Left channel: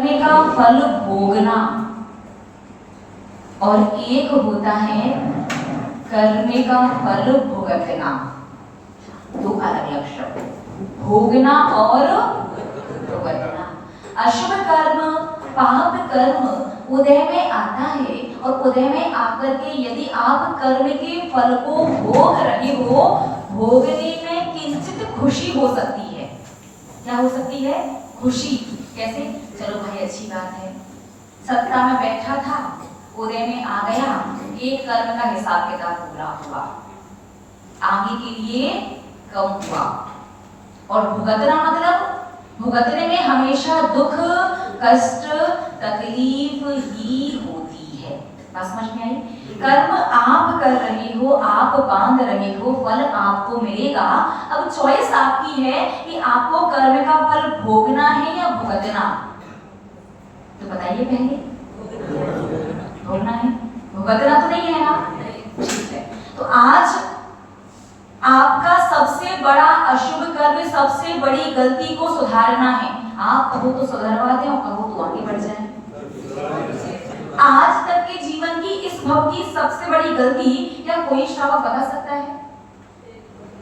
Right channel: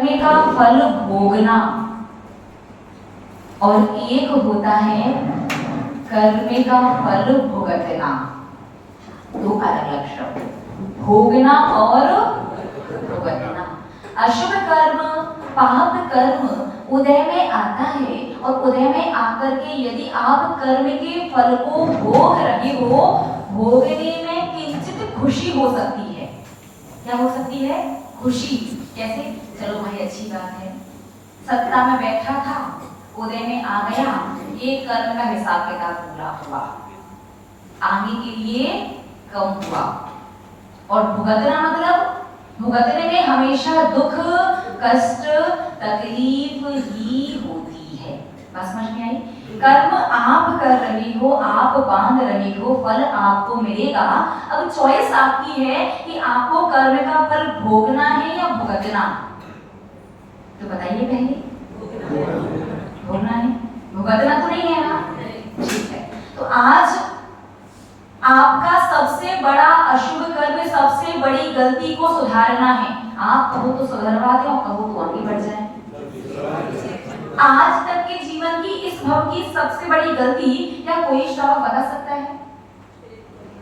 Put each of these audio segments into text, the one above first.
कर्म का फल भोगना और एक होता है कर्म का फल भुगतना। दो अलग अलग शब्द, भोगना और भुगतना। अशुभ कर्म, पाप कर्म उदय में आता है और उदय में आकर के यदि आप कर्म के फल को भोग रहे हो, भोगने में किंचित खुशी हो सकती है। क्या हो सकती है? खुशी। कैसे? चलो भाई अच्छी बात है, सत्ता में बैठा था, उदय में आ गया, एक कर्म का हिसाब किताब पूरा हुआ, आगे के लिए कम हुआ। और भुगतना मतलब भुगतने में हमेशा दुख, कष्ट, तकलीफ ही होती है। बात समझ में आई? कर्म आप कर रहे हो, आप बांध रहे हो, फल आपको मिलेगा। अब चॉइस आपकी है कि आपको कर्म का फल भोगना है या भुगतना। तो बताइए पहले, भोगना है, भुगतना तो नहीं है ना? ठीक है। तो आज आपका सबसे बड़ा अशुभ कर्म, सबसे बड़ी गलती को सुधारना है। आप कहो तो सुधरवा दें और कहो तो आगे बढ़ जाए। आज तक के जीवन की इस भव की सबसे बड़ी गलती क्या कोई श्रावक बता सकता है?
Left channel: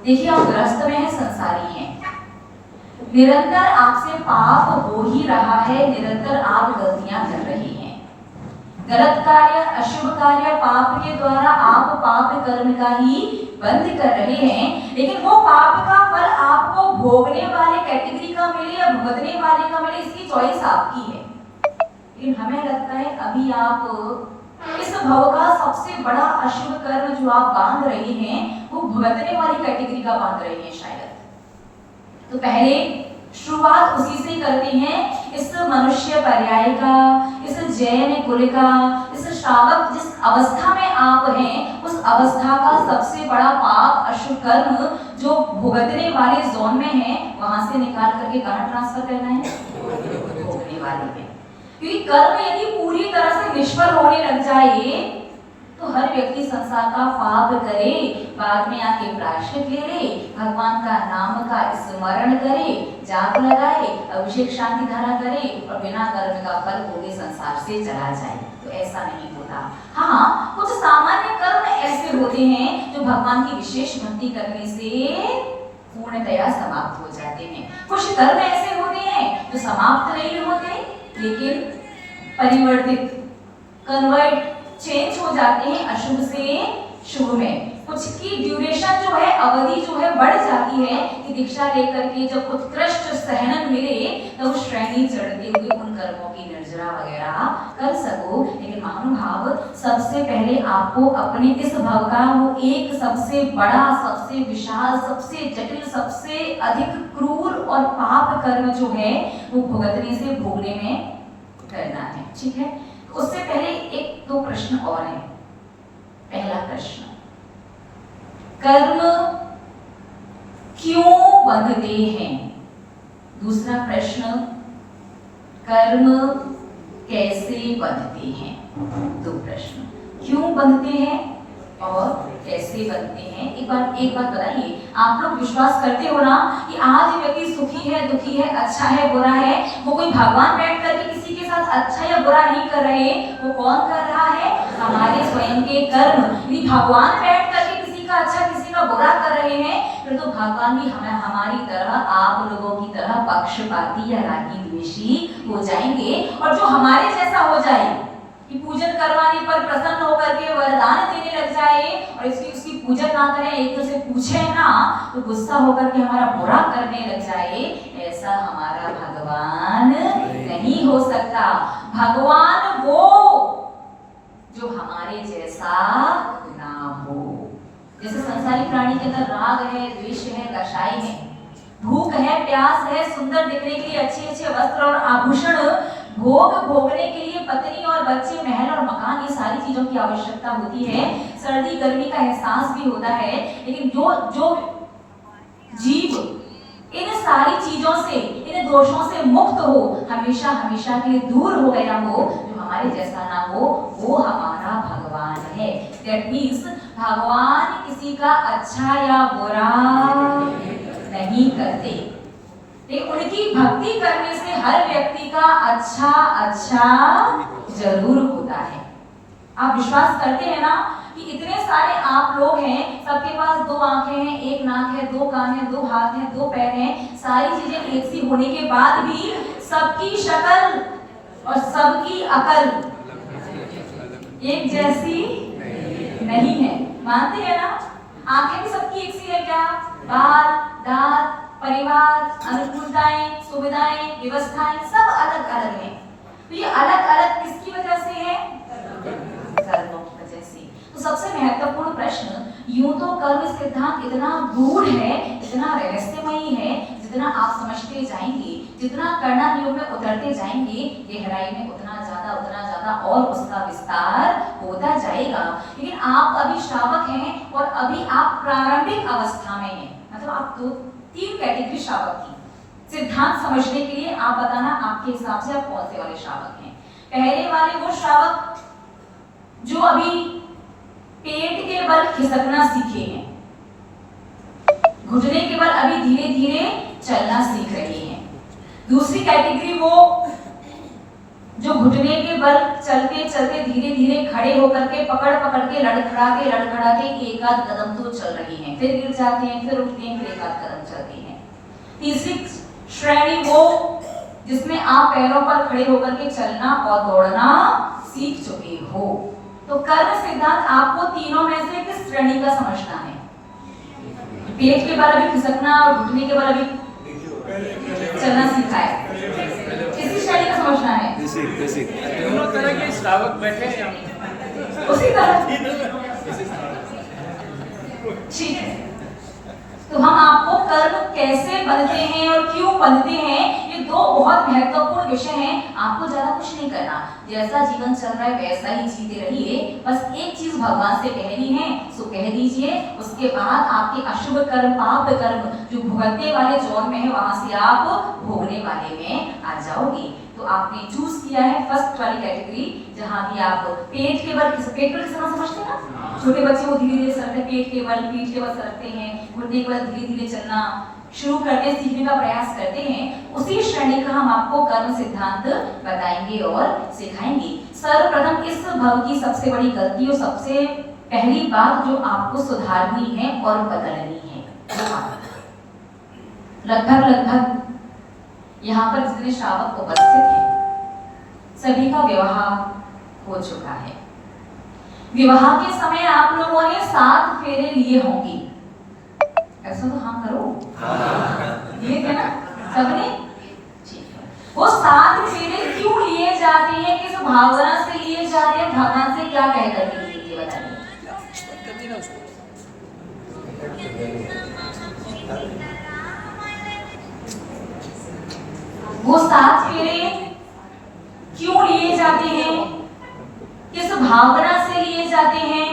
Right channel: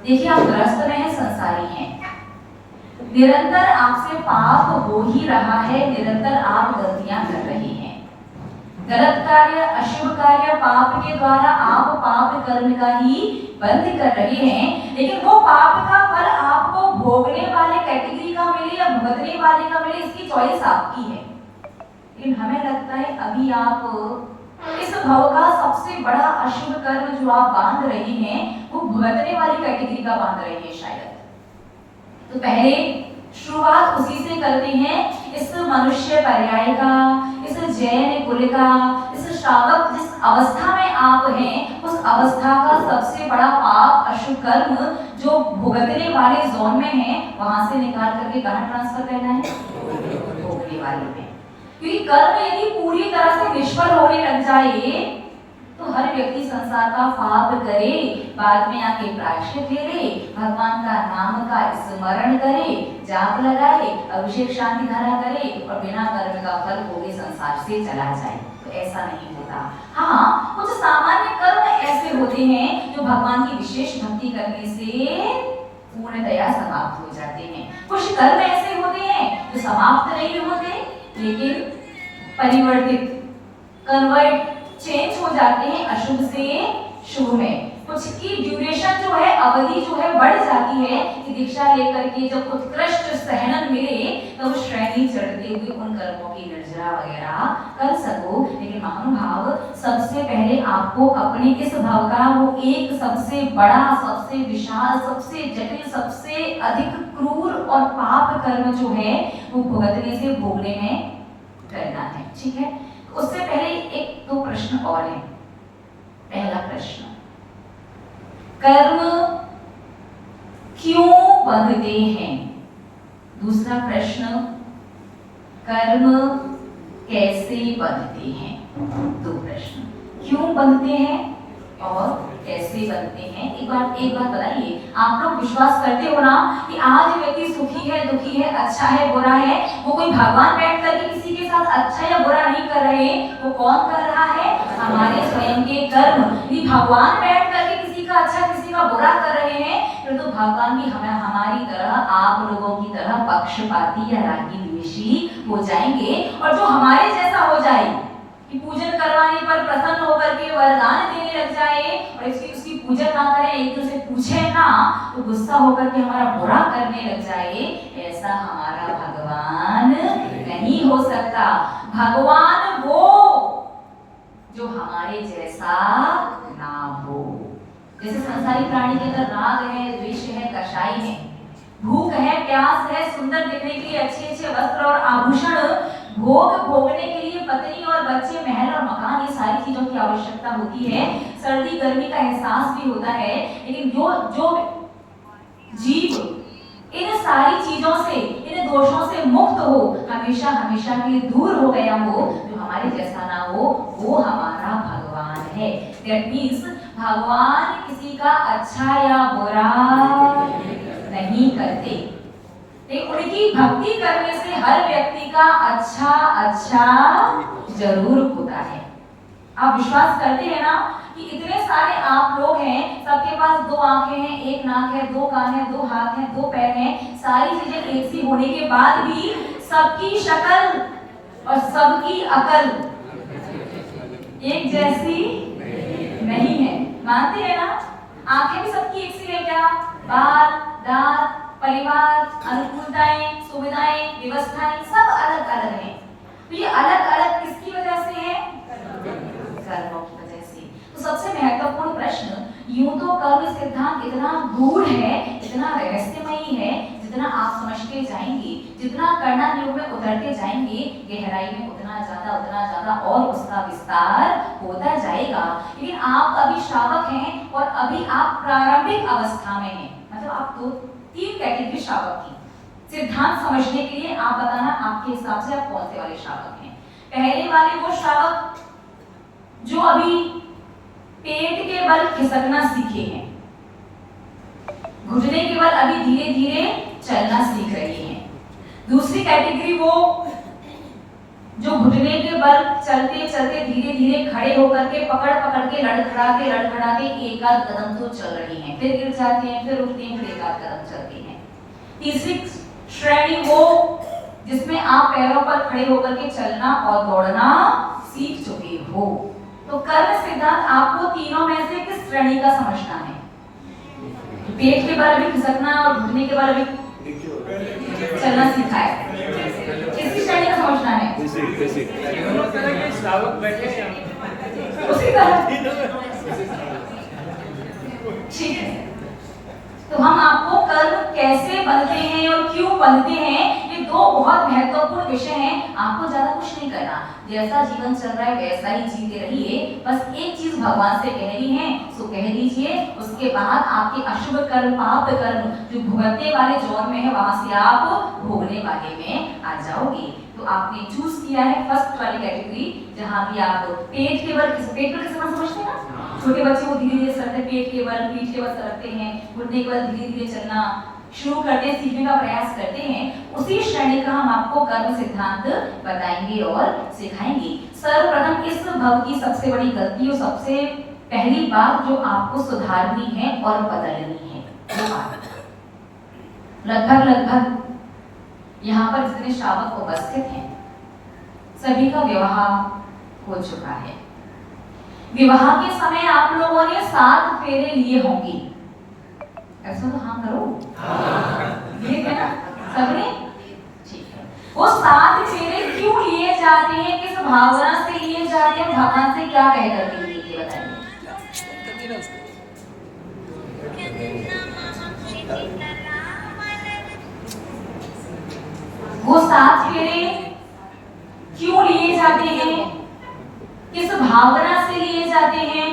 देखिए, आप ग्रस्त में हैं, संसारी हैं, निरंतर आपसे पाप हो ही रहा है, निरंतर आप गलतियां कर रहे हैं, गलत कार्य, अशुभ कार्य, पाप के द्वारा आप पाप कर्म का ही बंद कर रहे हैं। लेकिन वो पाप का फल आपको भोगने वाले कैटेगरी का मिले या भुगतने वाले का मिले, इसकी चॉइस आपकी है। लेकिन हमें लगता है अभी आप इस भव का सबसे बड़ा अशुभ कर्म जो आप बांध रहे हैं वो भुगतने वाली कैटेगरी का बांध रहे हैं शायद। तो पहले शुरुआत उसी से करते हैं, इस मनुष्य पर्याय का, इस जैन कुल का, इस श्रावक जिस अवस्था में आप हैं उस अवस्था का सबसे बड़ा पाप, अशुभ कर्म जो भुगतने वाले जोन में है, वहां से निकाल करके कहां ट्रांसफर करना है? भोगने वाले में। क्योंकि कर्म यदि पूरी तरह से निष्फल होने लग जाए तो हर व्यक्ति संसार का पाप करे, बाद में आके प्रायश्चित ले ले, भगवान का नाम का स्मरण करे, जाप लगाए, अभिषेक शांति धारा करे और बिना कर्म का फल भोगे संसार से चला जाए। तो ऐसा नहीं होता। हाँ, कुछ सामान्य कर्म ऐसे होते हैं जो भगवान की विशेष भक्ति करने से पूर्णतया समाप्त हो जाते हैं। कुछ कर्म ऐसे होते हैं जो समाप्त नहीं होते लेकिन परिवर्तित, कन्वर्ट, चेंज हो जाते हैं अशुभ से शुभ में। कुछ की ड्यूरेशन जो है, अवधि जो है बढ़ जाती है कि दीक्षा लेकर के जब उत्कृष्ट सहनन मिले तो वो श्रेणी चढ़ते हुए उन कर्मों की निर्जरा वगैरह कर सको। लेकिन महानुभाव, सबसे पहले आपको अपने इस भव का वो एक सबसे बड़ा, सबसे विशाल, सबसे जटिल, सबसे अधिक क्रूर और पाप कर्म जो है वो भुगतने से भोगने में करना है। ठीक है, उससे पहले एक दो प्रश्न और हैं। पहला प्रश्न, कर्म क्यों बंधते हैं? दूसरा प्रश्न, कर्म कैसे बंधते हैं? दो प्रश्न, क्यों बंधते हैं और कैसे बनते हैं। एक बात बताइए, आप लोग विश्वास करते हो ना कि आज व्यक्ति सुखी है, दुखी है, अच्छा है, बुरा है, वो कोई भगवान बैठ करके किसी के साथ अच्छा या बुरा नहीं कर रहे, वो कौन कर रहा है? हमारे स्वयं के कर्म। यदि भगवान बैठ करके किसी का अच्छा, किसी का बुरा कर रहे हैं फिर तो भगवान भी हमारी तरह, आप लोगों की तरह पक्षपाती या रागी द्वेषी हो जाएंगे। और जो हमारे जैसा हो जाए कि पूजन करवाने पर प्रसन्न होकर के वरदान देने लग जाए और इसकी उसकी पूजन ना करें, एक दूसरे पूछे ना तो गुस्सा होकर के हमारा बुरा करने लग जाए, ऐसा हमारा भगवान नहीं हो सकता। भगवान वो जो हमारे जैसा ना हो। जैसे संसारी प्राणी के अंदर राग है, द्वेष है, कषाय है, भूख है, प्यास है, सुंदर दिखने के लिए अच्छे अच्छे वस्त्र और आभूषण, भोगने के लिए पत्नी और बच्चे, महल और मकान, ये सारी चीजों की आवश्यकता होती है। सर्दी गर्मी का एहसास भी होता है। लेकिन जो जीव इन सारी चीजों से, इन दोषों से मुक्त हो, हमेशा हमेशा के लिए दूर हो गया हो, जो हमारे जैसा ना हो, वो हमारा भगवान है। दैट मीन्स भगवान किसी का अच्छा या बुरा नहीं करते। लेकिन उनकी भक्ति करने से हर व्यक्ति का अच्छा अच्छा जरूर होता है। आप विश्वास करते हैं ना कि इतने सारे आप लोग हैं, सबके पास 2 आंखें हैं, 1 नाक है, 2 कान है, 2 हाथ हैं, 2 पैर हैं, सारी चीजें एक सी होने के बाद भी सबकी शक्ल और सबकी अकल एक जैसी नहीं है। मानते हैं ना? आंखें भी सबकी एक सी है क्या? बाल, दांत, परिवार, अनुकूलताएं, सुविधाएं, व्यवस्थाएं सब अलग अलग हैं। तो ये अलग अलग किसकी वजह से है? कर्मों की वजह से। तो सबसे महत्वपूर्ण प्रश्न, यूं तो कर्म सिद्धांत इतना गूढ़ है, इतना रहस्यमयी है, जितना आप समझते जाएंगे, जितना करना योग में उतरते जाएंगे, गहराई में उतना ज्यादा और उसका विस्तार होता जाएगा। लेकिन आप अभी श्रावक हैं और अभी आप प्रारंभिक अवस्था में हैं। मतलब आप 2-3 कैटेगरी श्रावक की सिद्धांत समझने के लिए आप बताना आपके हिसाब से आप कौन से वाले श्रावक हैं। पहले वाले वो श्रावक जो अभी पेट के बल खिसकना सीखे हैं, घुटने के बल अभी धीरे धीरे चलना सीख रहे हैं। दूसरी कैटेगरी वो जो घुटने के बल चलते चलते धीरे धीरे खड़े होकर के पकड़ के लड़खड़ा के एक आध कदम तो चल रही हैं, फिर गिर जाते हैं, फिर उठते हैं, फिर एक आध कदम चलते हैं। तीसरी श्रेणी वो जिसमें आप पैरों पर खड़े होकर के चलना और दौड़ना सीख चुके हो। तो कर्म सिद्धांत आपको तीनों में से किस श्रेणी का समझना है? पेट के बल अभी खिसकना और घुटने के बल अभी चलना सीखा है, किसी श्रेणी का समझना है? दोनों तरह के श्रावक बैठे हैं उसी तरह। ठीक है, तो हम आपको कर्म कैसे बनते हैं और क्यों बनते हैं, ये 2 बहुत महत्वपूर्ण विषय हैं। आपको ज्यादा कुछ नहीं करना, जैसा जीवन चल रहा है वैसा ही जीते रहिए। बस एक चीज भगवान से कहनी है सो कह दीजिए, उसके बाद आपके अशुभ कर्म, पाप कर्म जो भुगतने वाले जोन में है वहां से आप भोगने वाले में आ जाओगे। तो आपने चूज किया है फर्स्ट वाली कैटेगरी, जहां भी आप पेट के बल समझते हैं ना, छोटे बच्चे को धीरे धीरे सरकते, पेट के बल, पीठ के बल सरकते हैं, घुटने के बल धीरे धीरे चलना शुरू करते, सीखने का प्रयास करते हैं। उसी श्रेणी का हम आपको कर्म सिद्धांत बताएंगे और सिखाएंगे। सर्वप्रथम इस भव की सबसे बड़ी गलती और सबसे पहली बात जो आपको सुधारनी है और बदलनी है, लगभग यहाँ पर जितने श्रावक उपस्थित हैं सभी का विवाह हो चुका है। विवाह के समय आप लोगों ने 7 फेरे लिए होंगे, ऐसा तो हाँ करो, ये क्या सबने? ठीक है, वो 7 फेरे क्यों लिए जाते हैं, किस भावना से लिए जाते हैं, भगवान से क्या कह करके लिए बताइए। वो 7 फेरे क्यों लिए जाते हैं, किस भावना से लिए जाते हैं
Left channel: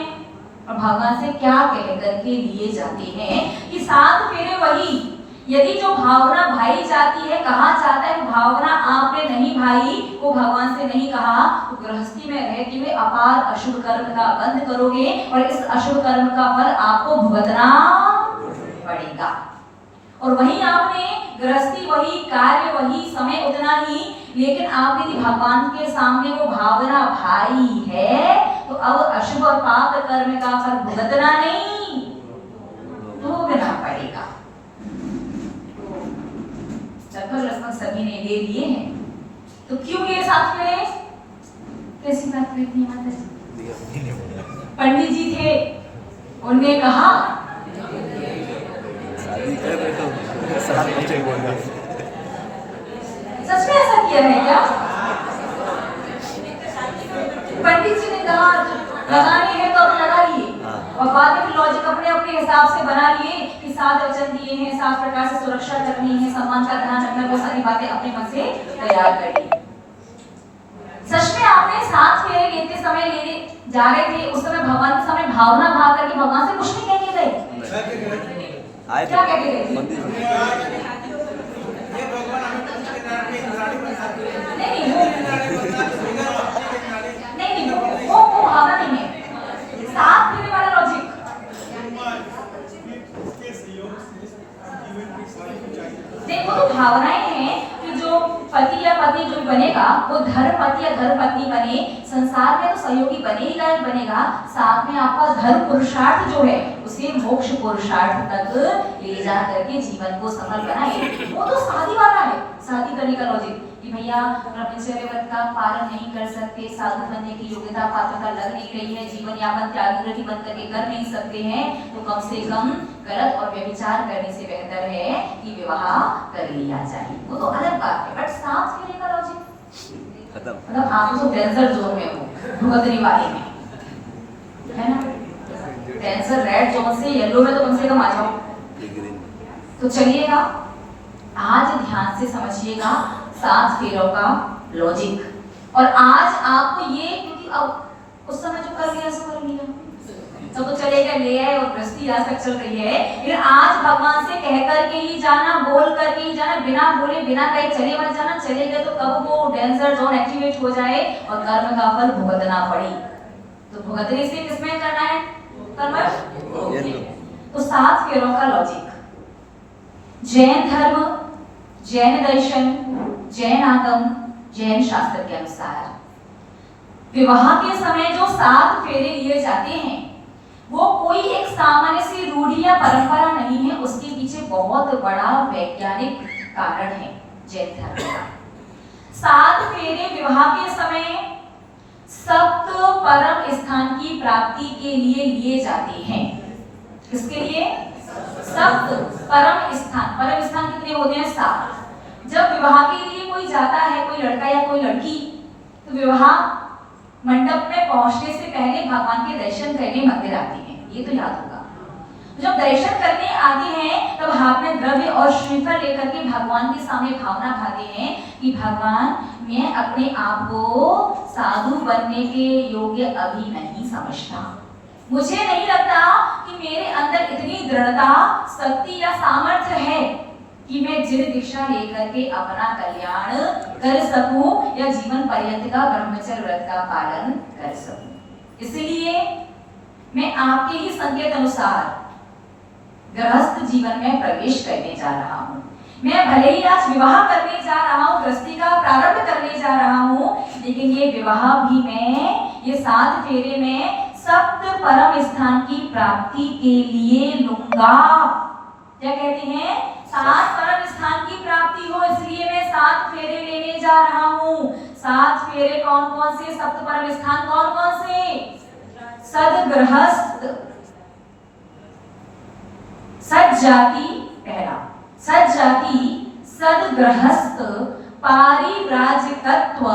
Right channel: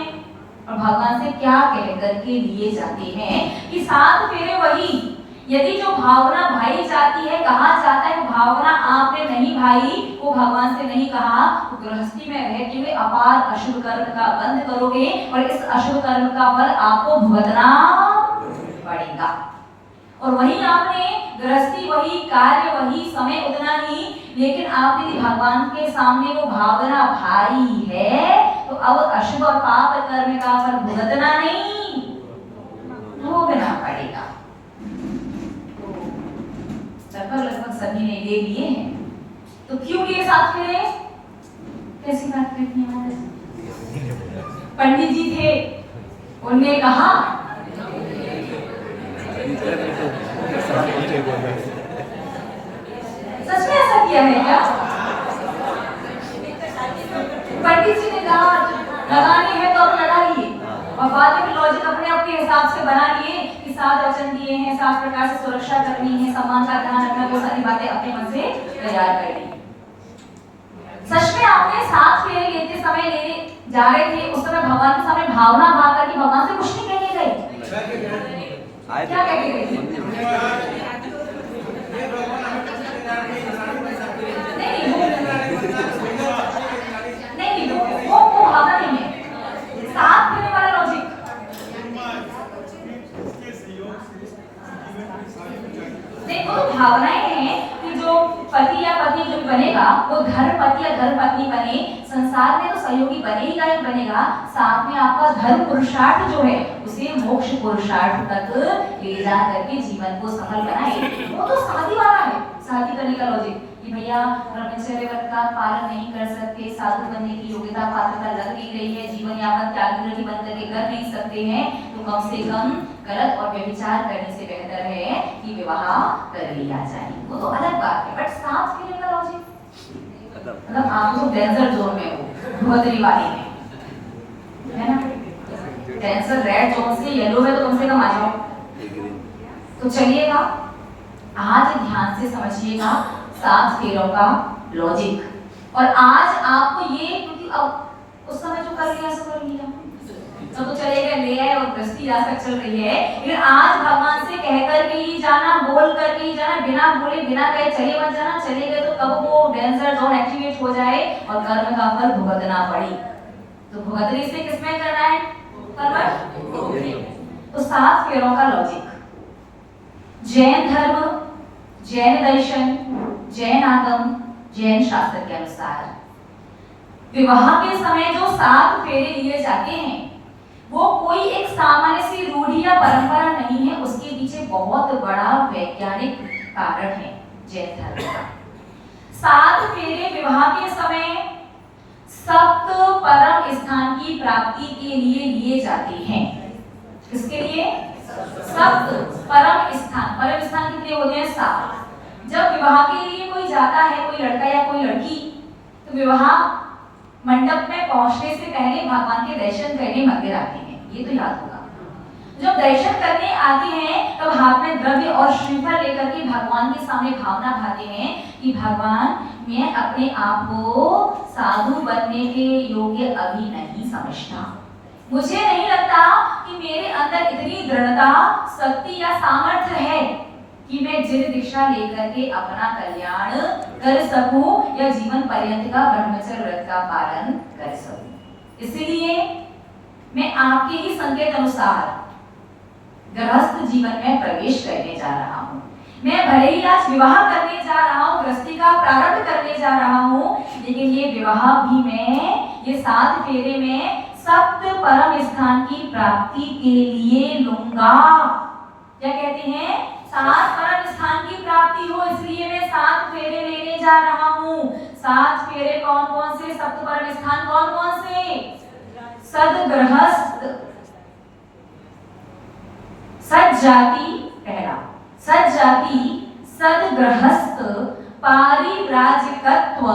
और भगवान से क्या कह करके लिए जाते हैं। कि 7 फेरे वही, यदि जो भावना भाई जाती है, कहा जाता है वो भावना आपने नहीं भाई, वो भगवान से नहीं कहा, तो गृहस्थी में रहते हुए अपार अशुभ कर्म का बंद करोगे और इस अशुभ कर्म का फल आपको भुगतना पड़ेगा। और वही आपने गृहस्थी वही, कार्य वही, समय उतना ही, लेकिन आपने भगवान के सामने वो भावना भारी है, तो अब अशुभ और पाप कर्म का फल भुगतना नहीं, भोगना पड़ेगा। तो लगभग सभी ने ले लिए हैं। तो क्यों लिए 7 फेरे? कैसी बात करनी है? पंडित जी थे, उन्होंने कहा सच में ऐसा किया है क्या? पंडित जी ने कहा लगानी है तो अब लगा लिए, और बाद में लॉजिक अपने अपने हिसाब से बना लिए कि 7 वचन दिए हैं, 7 प्रकार से सुरक्षा करनी है, सम्मान का ध्यान रखना, वो सारी बातें अपने मन से तैयार कर ली। सच में आपने 7 फेरे लेते समय लेने जा रहे थे, उस समय भगवान के सामने भावना भाव करके भगवान से कुछ नहीं कहने गए, क्या कहते गए? नहीं वो भावना नहीं है, 7 फेरे वाला लॉजिक। देखो तो भावनाएं घर पति या घर पत्नी बने, संसार में तो सहयोगी बनेगा ही बनेगा, साथ में आपका धर्म पुरुषार्थ जो है उसे मोक्ष पुरुषार्थ तक ले जा करके जीवन को सफल बनाए। वो तो शादी वाला है, शादी करने का लॉजिक कि भैया ब्रह्मचर्य व्रत का पालन नहीं कर सकते, साधु बनने की योग्यता पात्रता लग नहीं रही है, जीवन यापन त्यागी व्रती बन करके कर नहीं सकते हैं, तो कम से कम गलत और व्यभिचार करने से बेहतर है कि विवाह कर लिया जाए। वो तो अलग बात है, बट सांस फेरे का लॉजिक मतलब आप तो डेंजर जोन में हो, भुगतरी वाले में है ना, डेंजर रेड जोन से येलो में तो कम से कम आ जाओ। तो चलिएगा आज ध्यान से समझिएगा 7 फेरों का लॉजिक। और आज आपको ये, क्योंकि अब उस समय जो कर लिया सो कर लिया, तो चलेगा ले आए और गृहस्थी आज तक चल रही है, लेकिन आज भगवान से कह करके ही जाना, बोल करके ही जाना, बिना बोले बिना कहे चले मत जाना। चले गए तो कब वो डेंजर जोन एक्टिवेट हो जाए और कर्म का फल भुगतना पड़े। तो भुगतरी से किसमें करना है? कर्म। तो 7 फेरों का लॉजिक, जैन धर्म, जैन दर्शन, जैन आगम, जैन शास्त्र के अनुसार विवाह के समय जो 7 फेरे लिए जाते हैं वो कोई एक सामान्य सी रूढ़ी या परंपरा नहीं है, उसके पीछे बहुत बड़ा वैज्ञानिक कारण है जैन धर्म का। 7 फेरे विवाह के समय सप्त परम स्थान की प्राप्ति के लिए जाते हैं। किसके लिए? सप्त परम स्थान। परम स्थान कितने होते हैं? 7। जब विवाह के लिए कोई जाता है, कोई लड़का या कोई लड़की, तो विवाह मंडप में पहुंचने से पहले भगवान के दर्शन करने मंदिर आते हैं, ये तो याद होगा। जब दर्शन करने आते हैं तब हाथ में द्रव्य और श्रीफल लेकर के भगवान के सामने भावना खाते हैं कि भगवान, मैं अपने आप को साधु बनने के योग्य अभी नहीं समझता, मुझे नहीं लगता कि मेरे अंदर इतनी दृढ़ता, शक्ति या सामर्थ्य है कि मैं जिन दीक्षा लेकर के अपना कल्याण कर सकूं या जीवन पर्यंत का ब्रह्मचर्य व्रत का पालन कर सकूं। इसलिए मैं आपके ही संकेत अनुसार गृहस्थ जीवन में प्रवेश करने जा रहा हूं। मैं भले ही आज विवाह करने जा रहा हूं, गृहस्थी का प्रारंभ करने जा रहा हूं, लेकिन ये विवाह भी मैं ये 7 फेरे में सप्त परम स्थान की प्राप्ति के लिए लूंगा। क्या कहते हैं? 7 परम स्थान की प्राप्ति हो, इसलिए मैं 7 फेरे लेने जा रहा हूँ। 7 फेरे कौन कौन से? सप्त परम स्थान कौन कौन से? सदगृहस्थ, सज्जाति पहला, सज्जाति, सदगृहस्थ, पारिव्राजिकत्व,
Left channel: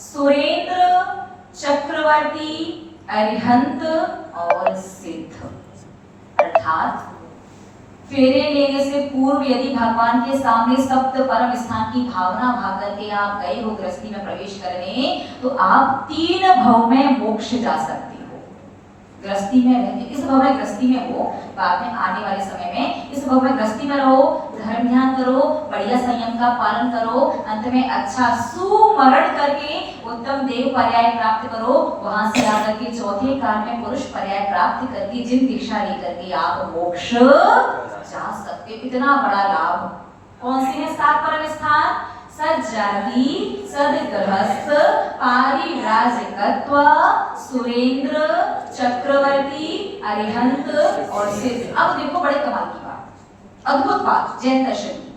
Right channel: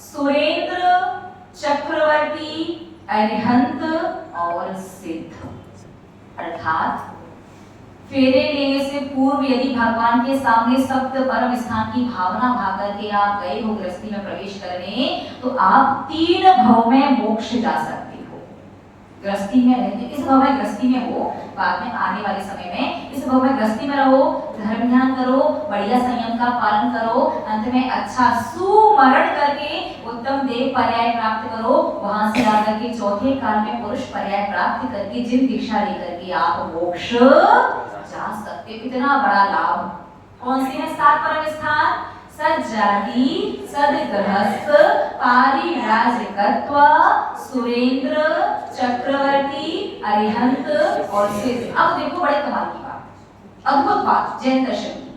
सुरेंद्र, चक्रवर्ती, अरिहंत और सिद्ध। अर्थात फेरे लेने से पूर्व यदि भगवान के सामने सप्त परम स्थान की भावना भा करके आप गए हो गृहस्थी में प्रवेश करने, तो आप 3 भव में मोक्ष जा सकते हो। गृहस्थी में रहते, इस भव में गृहस्थी में हो, बाद में आने वाले समय में इस भव में गृहस्थी में रहो, धर्म ध्यान करो, बढ़िया संयम का पालन करो, अंत में अच्छा सुमरण करके उत्तम देव पर्याय प्राप्त करो, वहां से आकर के चौथे काल में पुरुष पर्याय प्राप्त करके जिन दीक्षा लेकर के आप मोक्ष जा सकते। इतना बड़ा लाभ कौन से है? 7 परम स्थान, सज्जाति, सदगृहस्थ, पारिव्राजिकत्व, सुरेंद्र, चक्रवर्ती, अरिहंत और सिद्ध। अब देखो बड़े कमाल की बात, अद्भुत बात जैन दर्शन की।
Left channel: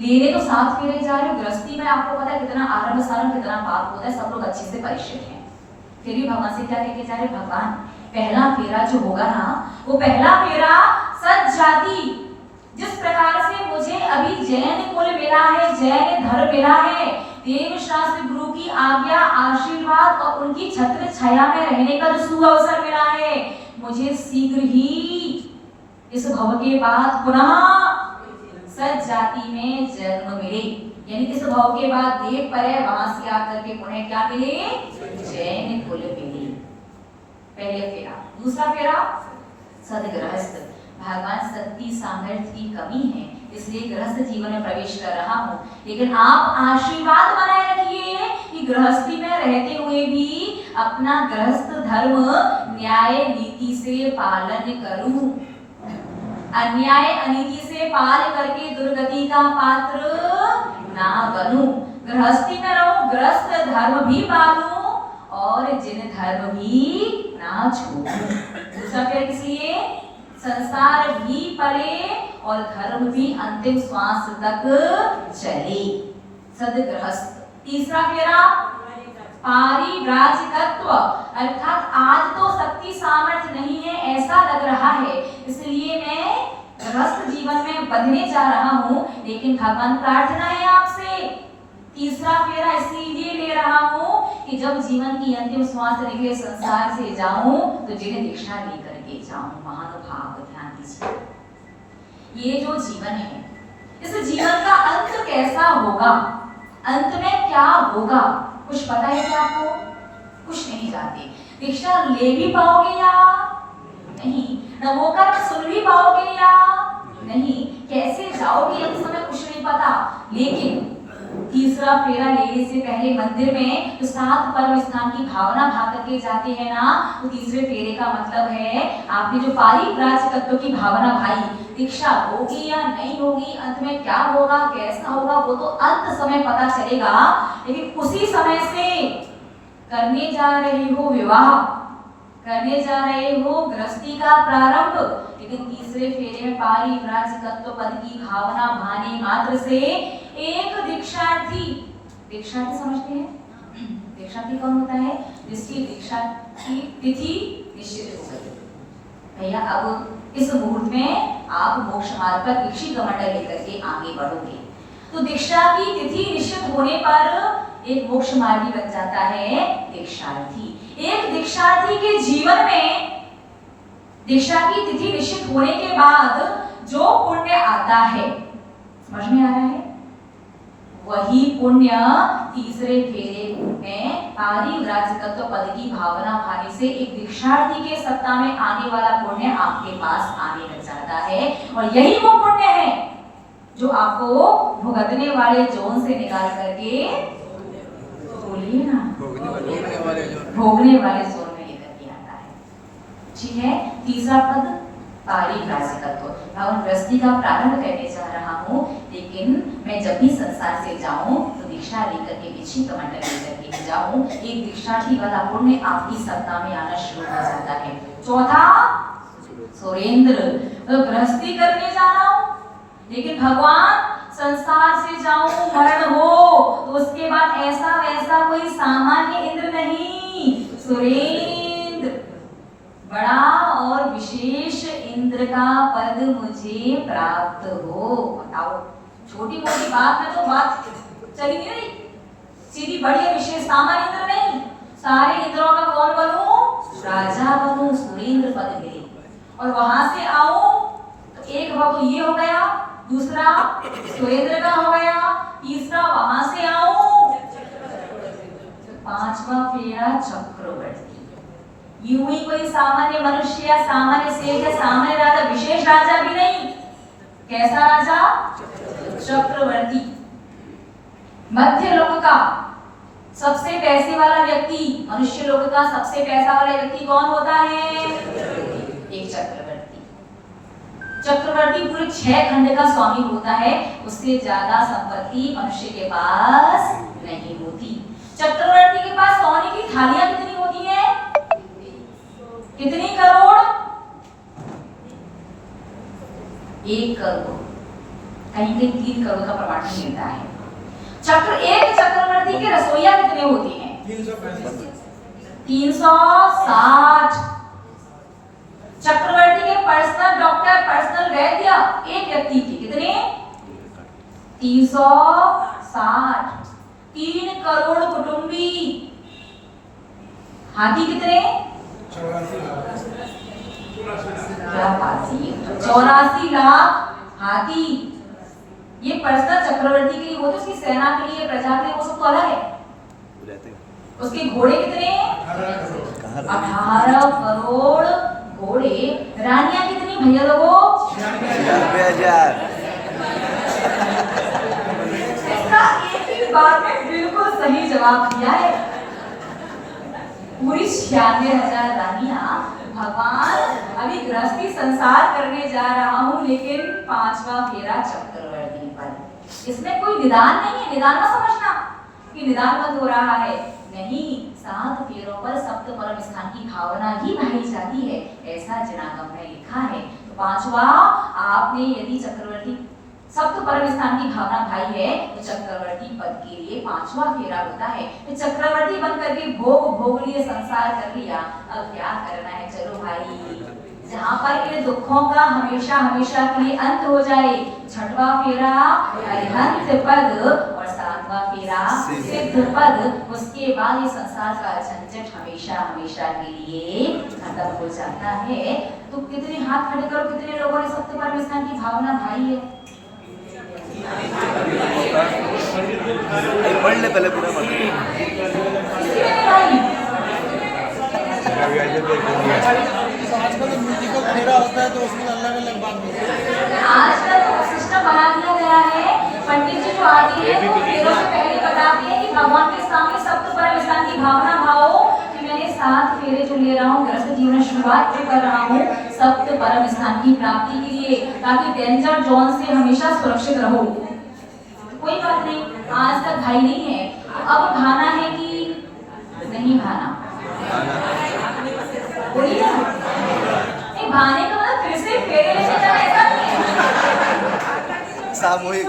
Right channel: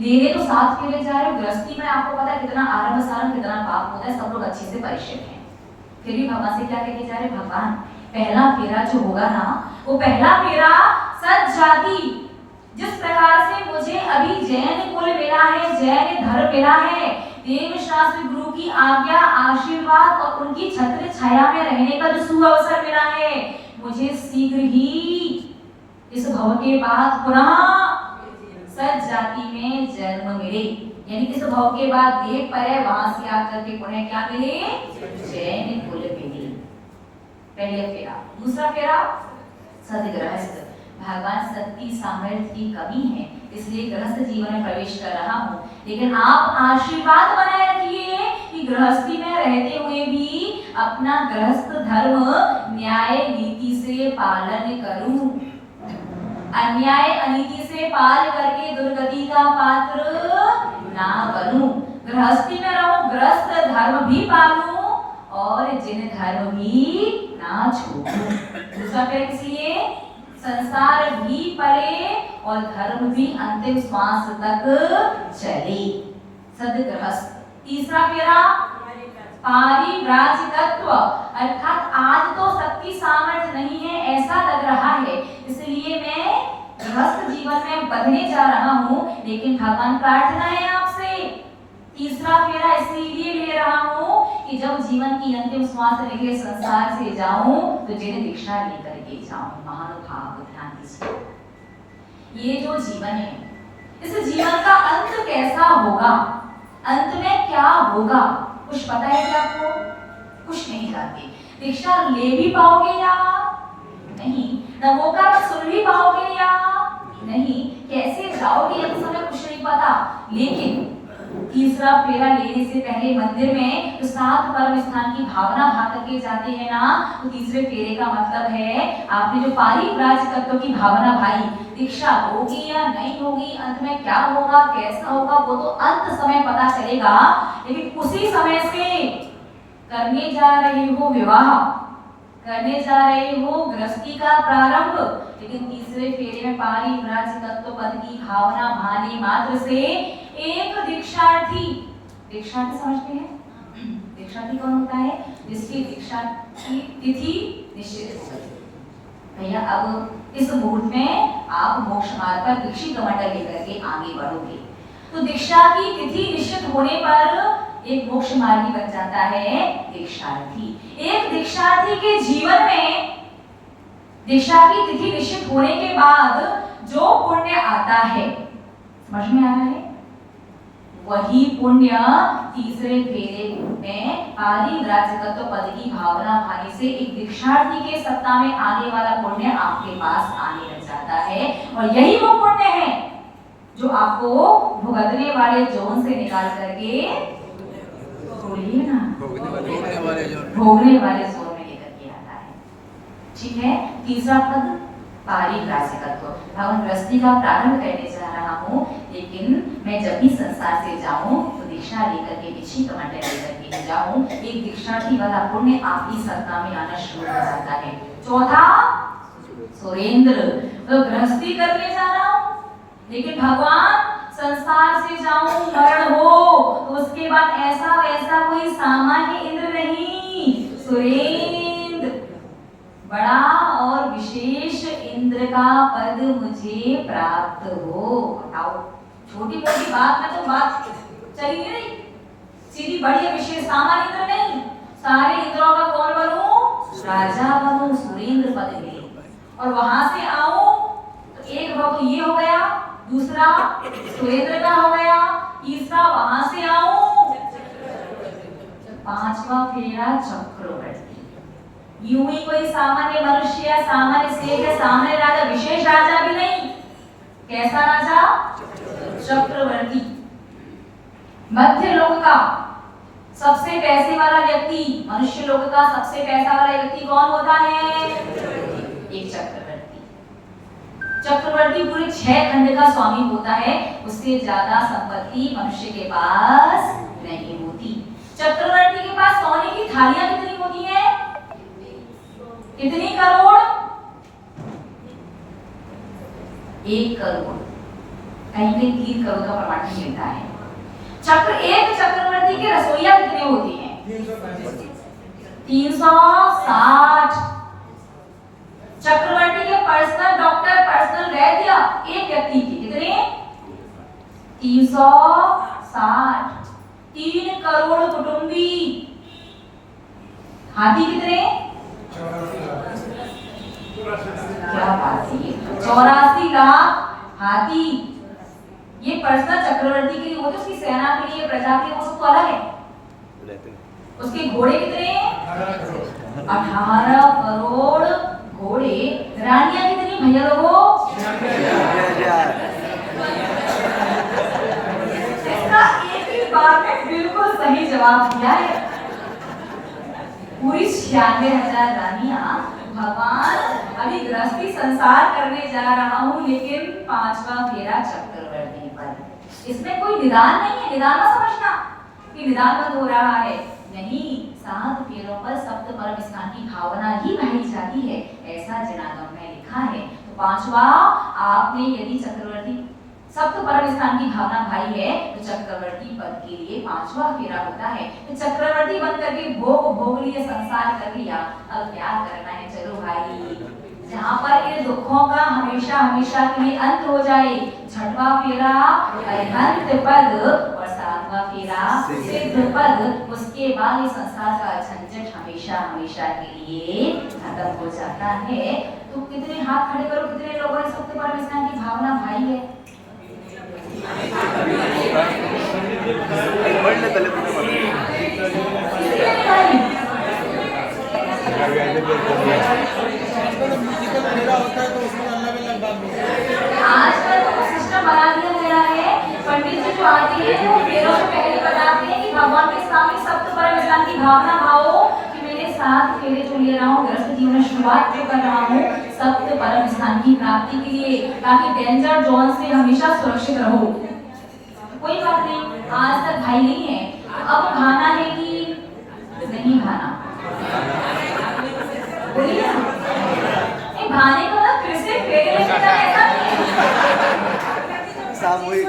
लेने तो 7 फेरे जा रहे हो, गृहस्थी में आपको पता है कितना आरंभ सारंभ कितना पाप होता है, सब लोग अच्छे से परिचित हैं। फिर भी भगवान से क्या कहके जा रहे? भगवान पहला फेरा जो होगा ना, वो पहला फेरा सज्जाति, जिस प्रकार से मुझे अभी जैन कुल मिला है, जैन धर्म मिला है, देव शास्त्र गुरु की आज्ञा, आशीर्वाद और उनकी छत्र छाया में रहने का जो सुअवसर मिला है, मुझे शीघ्र ही इस भव के बाद पुनः सज्जाति में जन्म मिले, यानी इस भव के बाद देव पर्याय, वहां से आकर के पुनः क्या मिले? जैन कुल मिले। पहले फेरा। दूसरा फेरा सदगृहस्थ। भगवान सत्य सामर्थ्य की कमी है, इसलिए गृहस्थ जीवन में प्रवेश कर रहा हूँ, लेकिन आप आशीर्वाद बनाए रखिए कि गृहस्थी में रहते हुए भी अपना गृहस्थ धर्म न्याय नीति से पालन करूं, अन्याय अनीति से पाल करके दुर्गति का पात्र ना बनूं, गृहस्थी में रहूं, ग्रस्त धर्म भी पालूं और जिन धर्म भी ना छोड़ूं। दूसरा क्या, इसलिए संसार भी पले और धर्म भी अंतिम श्वास तक चले, सदगृहस्थ। तीसरा फेरा पारिव्राजिकत्व, अर्थात आज तो शक्ति सामर्थ्य नहीं है ऐसा लग रहा है, इसलिए मैं गृहस्थ जीवन में बंधने जा रहा हूँ, लेकिन भगवान प्रार्थना है आपसे, तीसरा फेरा इसीलिए ले रहा हूँ कि जब जीवन की अंतिम श्वास लेके संसार से जाऊं तो जिन्हें दीक्षा लेकर के जाऊं। महानुभाव ध्यान दीजिए, ये जो जीवन है, इस जीवन का अंत कैसा होगा, अंत में क्या होगा, कुछ पता है क्या आपको? कुछ नहीं जानते। दीक्षा ले भी पाओगे या नहीं, नवोकार सुन भी पाओगे या नहीं, कैसे जाओगे ये समय कुछ नहीं पता। लेकिन तीसरा फेरा लेने से पहले मंदिर में तो 7 परम स्थान की भावना भा करके जाते हैं ना, तो तीसरे फेरे का मतलब है आपने जो पारिव्राजिकत्व की भावना भाई, दीक्षा होगी या नहीं होगी, अंत में क्या होगा कैसा होगा वो तो अंत समय पता चलेगा, लेकिन उसी समय से करने जा रहे हो विवाह, करने जा रहे हो गृहस्थी का प्रारंभ, लेकिन तीसरे फेरे में पारिव्राजिकत्व पद की भावना भाने मात्र से एक दीक्षार्थी, दीक्षार्थी समझते हैं, दीक्षार्थी कौन होता है, जिसकी दीक्षा की तिथि निश्चित हो गई। भैया अब इस मुहूर्त में आप मोक्ष मार्ग पर दीक्षित कमंडल लेकर के आगे बढ़ोगे, तो दीक्षा की तिथि निश्चित होने पर एक मोक्ष मार्गी बन जाता है दीक्षार्थी। एक दीक्षार्थी के जीवन में दीक्षा की तिथि निश्चित होने के बाद जो पुण्य आता है, समझ में आ रहा है, वही पुण्य तीसरे फेरे में पारिव्राजिकत्व पद की भावना भाने से एक दीक्षार्थी के सत्ता में आने वाला पुण्य आपके पास आने लग जाता है, और यही वो पुण्य है जो आपको भुगतने वाले जोन से निकाल करके, बोलिए ना, भोगने वाले जोन में लेकर के आता है। ठीक है, तीसरा पद पारिव्राजिकत्व, भगवान गृहस्थी का प्रारंभ करने जा रहा हूँ, लेकिन मैं जब भी संसार से जाऊं तो दीक्षा लेकर के विछि कमंडल लेकर के जाऊं, एक दीक्षार्थी वाला पुण्य आपकी सत्ता में आना शुरू हो जाता है। चौथा सुरेंद्र, तो गृहस्थी करने जा रहा हूं, लेकिन भगवान संसार से जाऊं मरण हो तो उसके बाद ऐसा वैसा कोई सामान्य इंद्र नहीं, सुरेंद्र, बड़ा और विशेष इंद्र का पद मुझे प्राप्त हो। बताओ, छोटी मोटी बात में तो बात चली नहीं, सीधी बड़ी विशेष सामान्य इंद्र नहीं, सारे इंद्रों का कौन बनूं, राजा बनूं, सुरेंद्र पद मिले, और वहां से आऊं तो एक तो ये हो गया, दूसरा सुरेंद्र का हो गया, तीसरा वहां से आऊं, पांचवा फेरा चक्रवर्ती। यूं ही कोई सामान्य मनुष्य या सामान्य सेठ है, सामान्य राजा, विशेष राजा भी नहीं, कैसा राजा, चक्रवर्ती, मध्य लोक का सबसे पैसे वाला व्यक्ति, मनुष्य लोक का सबसे पैसा वाला व्यक्ति कौन होता है, एक चक्रवर्ती। चक्रवर्ती पूरे 6 खंड का स्वामी होता है, उससे ज्यादा संपत्ति मनुष्य के पास नहीं होती। चक्रवर्ती के पास सोने की थालियां कितनी होती है, कितनी करोड़, 1 करोड़, कहीं कहीं 3 करोड़ का प्रमाण मिलता है। एक चक्रवर्ती के रसोइया कितने होते हैं, 360। चक्रवर्ती के पर्सनल डॉक्टर, पर्सनल वैद्य एक व्यक्ति के कितने, 360। 3 करोड़ कुटुंबी, हाथी कितने, क्या बात है, 84 लाख हाथी। ये पर्सनल चक्रवर्ती के लिए होते, उसकी सेना के लिए, प्रजा के लिए वो सब तो अलग है। उसके घोड़े कितने, 18 करोड़ घोड़े। रानियां कितनी भैया लोगों, इसका एक ही बार में बिल्कुल सही जवाब दिया है, पूरी 96,000 रानियां। भगवान अभी गृहस्थी संसार करने जा रहा हूं, लेकिन 5वां फेरा चक्रवर्ती पर, इसमें कोई निदान नहीं है, निदान ना समझना कि निदान बंद हो रहा है। नहीं, 7 फेरों पर सप्त परम स्थान की भावना ही भाई जाती है, ऐसा जनागम में लिखा है। तो पांचवा, आपने यदि चक्रवर्ती सप्त परम स्थान की भावना भाई है तो चक्रवर्ती पद के लिए 5वां फेरा होता है। तो चक्रवर्ती बन करके भोग लिए, संसार कर लिया, अब क्या करना है? चलो भाई, जहाँ पर इन दुखों का हमेशा हमेशा के लिए अंत हो जाए, 6वां फेरा अरिहंत पद और 7वां फेरा सिद्ध पद, उसके बाद ये संसार का झंझट हमेशा हमेशा के लिए खत्म हो जाता है। तो कितने हाथ खड़े करो, कितने लोगों ने सप्त परम स्थान की भावना भाई है? आजकल तो सिस्टम बना दिया गया है, पंडित जी जो आते हैं वो फेरों से पहले बताते हैं कि भगवान के सामने सप्त परम स्थान की भावना भावो कि मैंने 7 फेरे जो ले रहा हूँ, गृहस्थ जीवन शुरुआत में कर रहा हूँ सप्त परम स्थान की प्राप्ति के लिए, ताकि डेंजर जोन से हमेशा सुरक्षित रहो। कोई बात नहीं, आज तक भाई नहीं है, तो अब भाना है कि नहीं भाना? बोलिए ना, भाने का मतलब फिर से फेरे लेके जाना, ऐसा नहीं है। सामूहिक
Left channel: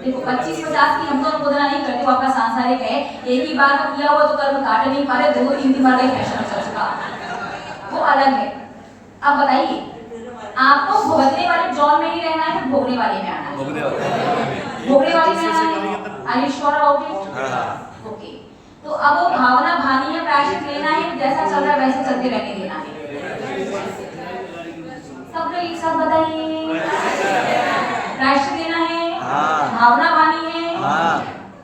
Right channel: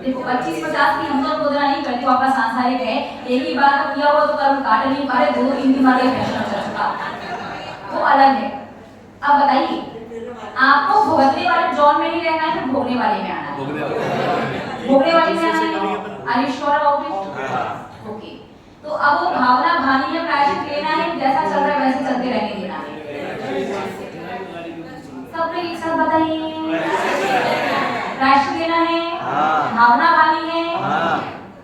देखो 25-50 की हम तो मुद्रा नहीं करते, वापस सांसारिक है, एक ही बार का किया हुआ तो कर्म काट नहीं पा रहे, 2-3 बार ये फैशन चल चुका, वो अलग है। अब बताइए, आपको भोगने वाले जॉन में नहीं रहना है, फिर भोगने वाले में आना है। भोगने वाले में आना है, are you sure about it? Okay, तो अब वो भावना भानी है, प्रायश्चित लेना है, जैसा चल रहा है वैसे चलते रहने देना है। सब लोग एक साथ बताइए, प्रायश्चित लेना है, भावना भानी है,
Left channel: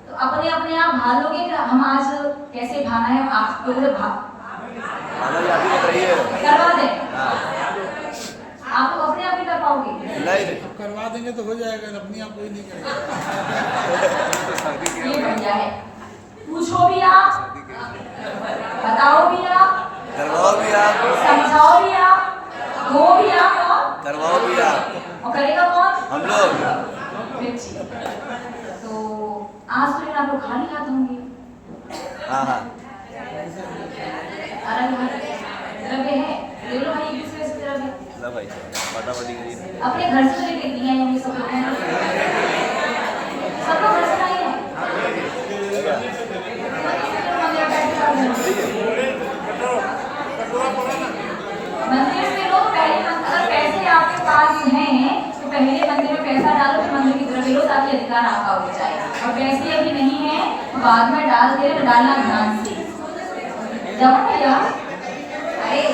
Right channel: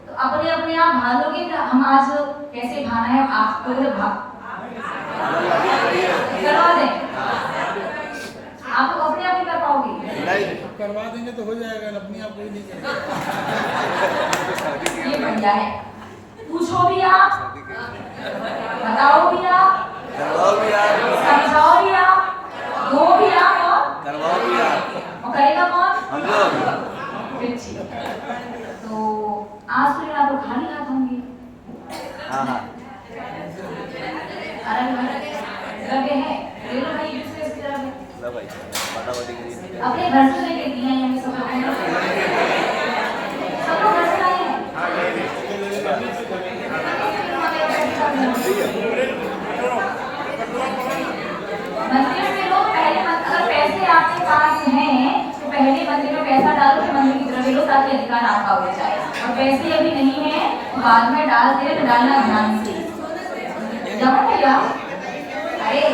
तो अपने अपने आप भान लोगे। हम आज कैसे भाना है आपको करवा दें, आप अपने आप ही कर पाओगे? नहीं, करवा देंगे तो हो जाएगा, अपनी आप कोई नहीं करेगा। ये बढ़िया है, पूछो भी आप, बताओ भी आप, समझाओ भी आप, दो भी आप और करवाओ भी आप, और करेगा कौन? हम लोग। तो आज तो आप लोग खाली हाथ होंगे। लगे हैं, ले लो भाई, एक दूसरे से लगे। अपने घर से लेके दिए हैं ये सब लोग, सब लोग घर से आए हैं। मंदिर में लोग पहले अगर पैसे आपके पास हैं तो पहले मंदिर में पैसा डालो, फिर मंदिर की तरफ लो, ताकि अधिकार आपका हो जाए। और पैसे अभी नहीं है तो बाद में डाल दे, डालना ध्यान से। जब भैया अरे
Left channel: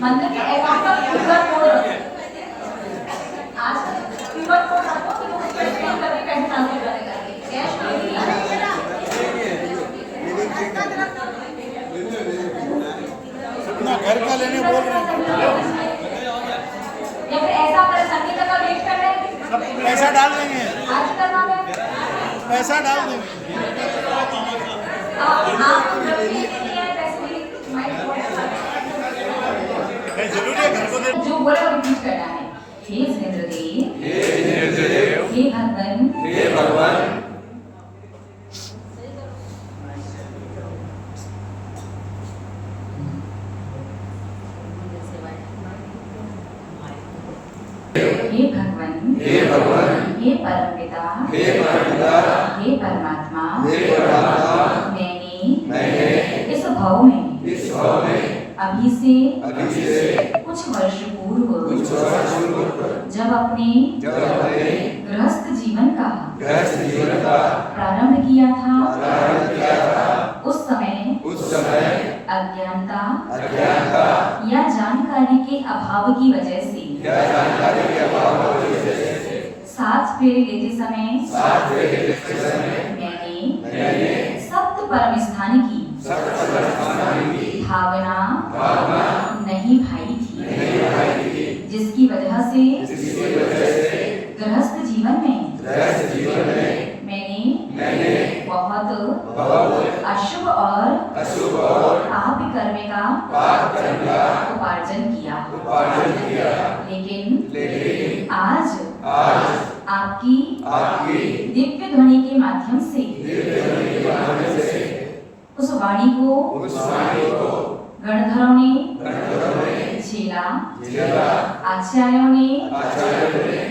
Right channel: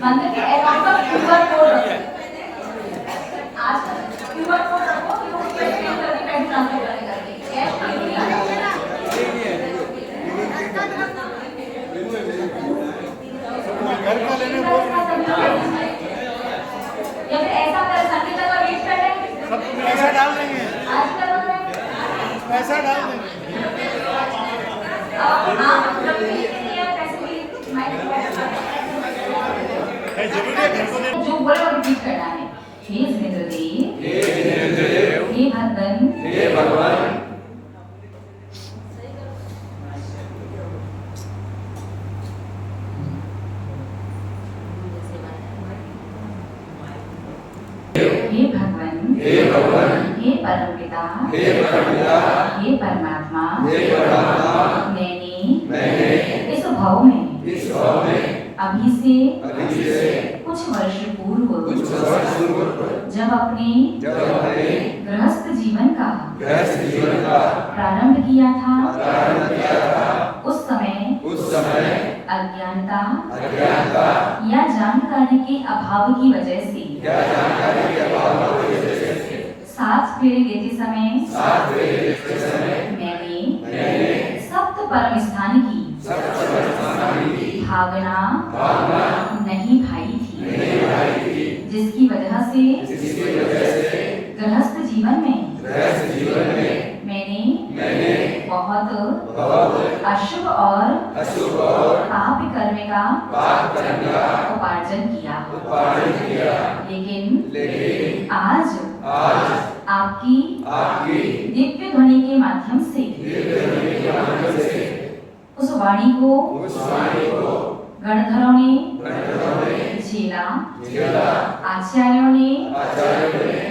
मंदिर के अकाउंट का क्यूआर कोड रखो, आज क्यूआर कोड रखो तो लोग उसको स्कैन करके पैसे ट्रांसफर करेंगे, कैश नहीं घर का लेने बोल या फिर ऐसा कर संगीत का वेट कर रहे हैं, पैसा डाल देंगे, आज करवा देंगे, पैसा डाल देंगे। आप पैसे जो बोले वो रिपीट करना है। हे इंद्रदेव, हे भगवान, हे परमपिता, हे परमात्मा, मैंने इस भाव में अभी से कुछ वर्ष पूर्व जब अपने गृहस्थ जीवन का प्रारंभ किया था, उस समय अज्ञानता या जानकारी के अभाव की वजह से 7 फेरे लेते समय मैंने सप्त परम स्थान की भावना नहीं भाई थी, जिसकी वजह से गृहस्थ जीवन में मैंने बहुत पाप कर्म का उपार्जन किया। लेकिन आज आपकी दिव्य ध्वनि के माध्यम से उस वाणी को गणधरों ने झेला, आचार्यों ने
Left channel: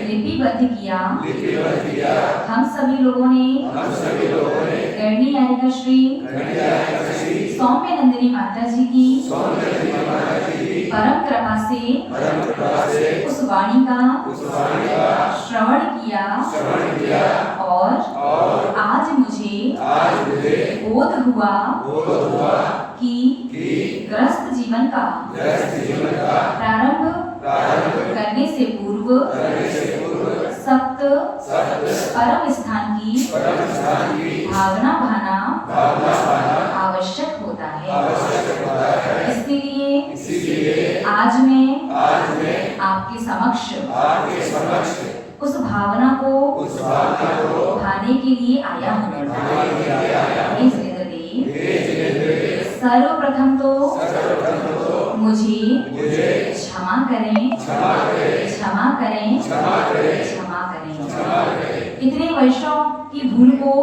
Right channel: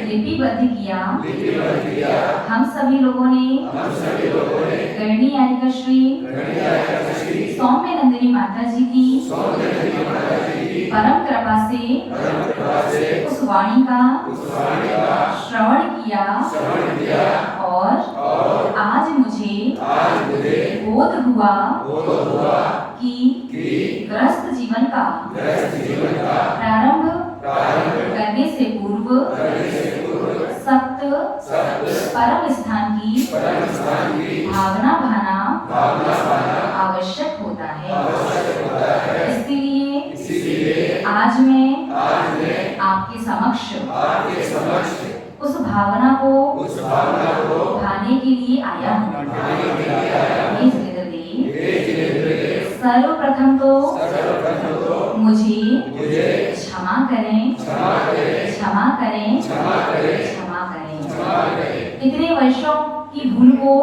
लिपिबद्ध किया। हम सभी लोगों ने गणनी यारिका श्री सौम्य नंदिनी माता जी की परम कृपा से उस वाणी का श्रवण किया और आज मुझे बोध हुआ कि ग्रस्त जीवन का प्रारंभ करने से पूर्व सत्य परम स्थान की भावना भाना आवश्यक होता है। इसलिए आज मैं आपके समक्ष उस भावना को भाने के लिए आया हूँ। सर्वप्रथम तो मुझे क्षमा करें। इतने वर्षों की भूल को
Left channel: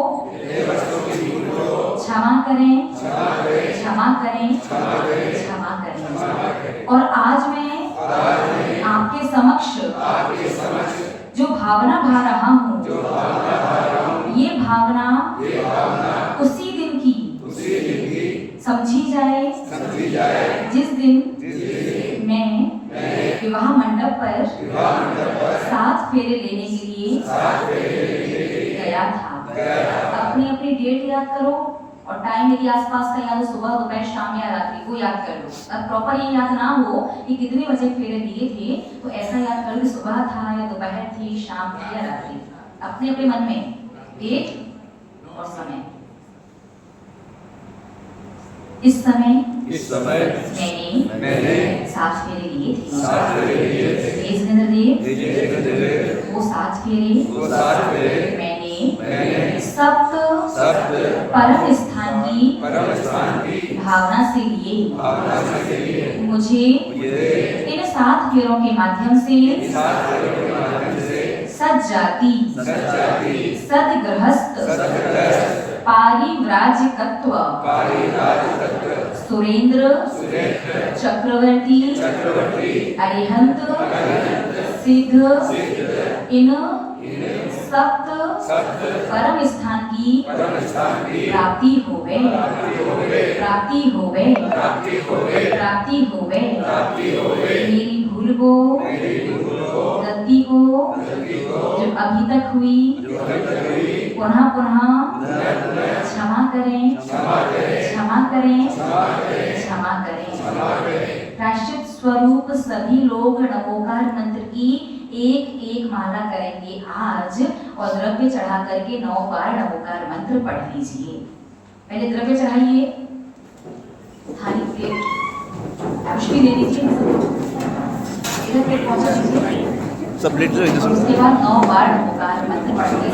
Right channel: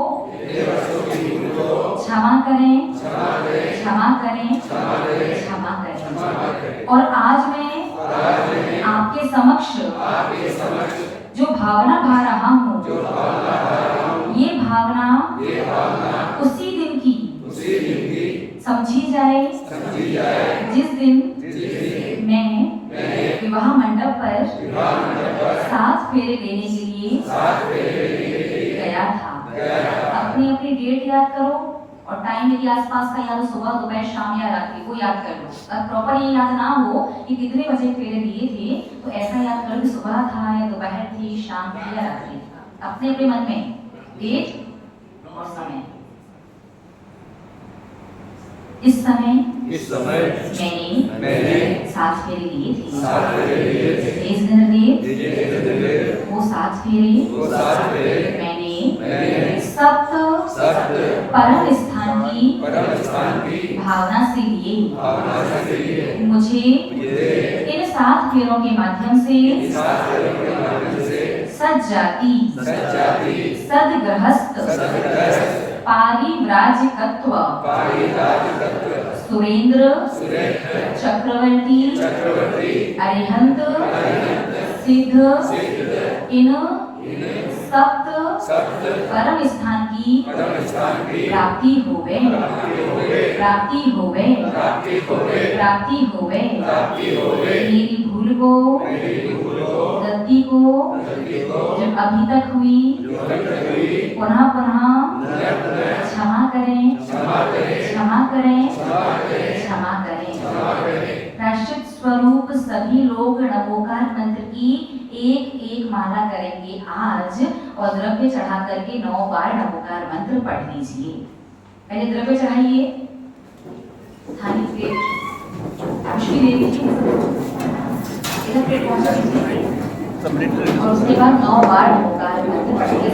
क्षमा करें। और आज मैं आपके समक्ष जो भावना भा रहा हूँ, ये भावना उसी दिन की समझी जाए जिस दिन मैं विवाह मंडप पर 7 फेरे लेने के लिए गया था। अपनी डेट याद करो और टाइम यदि आसपास का याद हो, सुबह दोपहर शाम या रात्रि को याद कर लो। अगर प्रॉपर ये याद ना हो कि कितने बजे फेरे दिए थे, तो ऐसा याद करो कि सुबह था या दोपहर थी, शाम थी या रात्रि थी। अपने मन में डेट और समय। इस समय मैंने 7 फेरे लिए थे। वो 7 फेरे मैंने सप्त परम स्थान की भावना से लिए। मुझे इन 7 फेरों के माध्यम से सज्जाति, सदगृहस्थ, पारिव्राजकत्व, सुरेंद्र, चक्रवर्ती, अरिहंत, सिद्ध, इन सप्त परम स्थान की प्राप्ति होवे। मेरी भूल को, गलती को जो अभी तक हुई, पुनः क्षमा करें। प्रायश्चित स्वरूप सभी लोग नवोकार मंत्र की एक माला करेंगे आज, और द्रव्य चढ़ा करके 9 बार नवोकार मंत्र पढ़ लीजिए। पहले द्रव्य चढ़ाइए, थाली प्लेट पुष्टि दे दीजिए, इधर प्लेट पहुंचा दीजिए। उसके बाद 9 बार नवोकार मंत्र पढ़िए।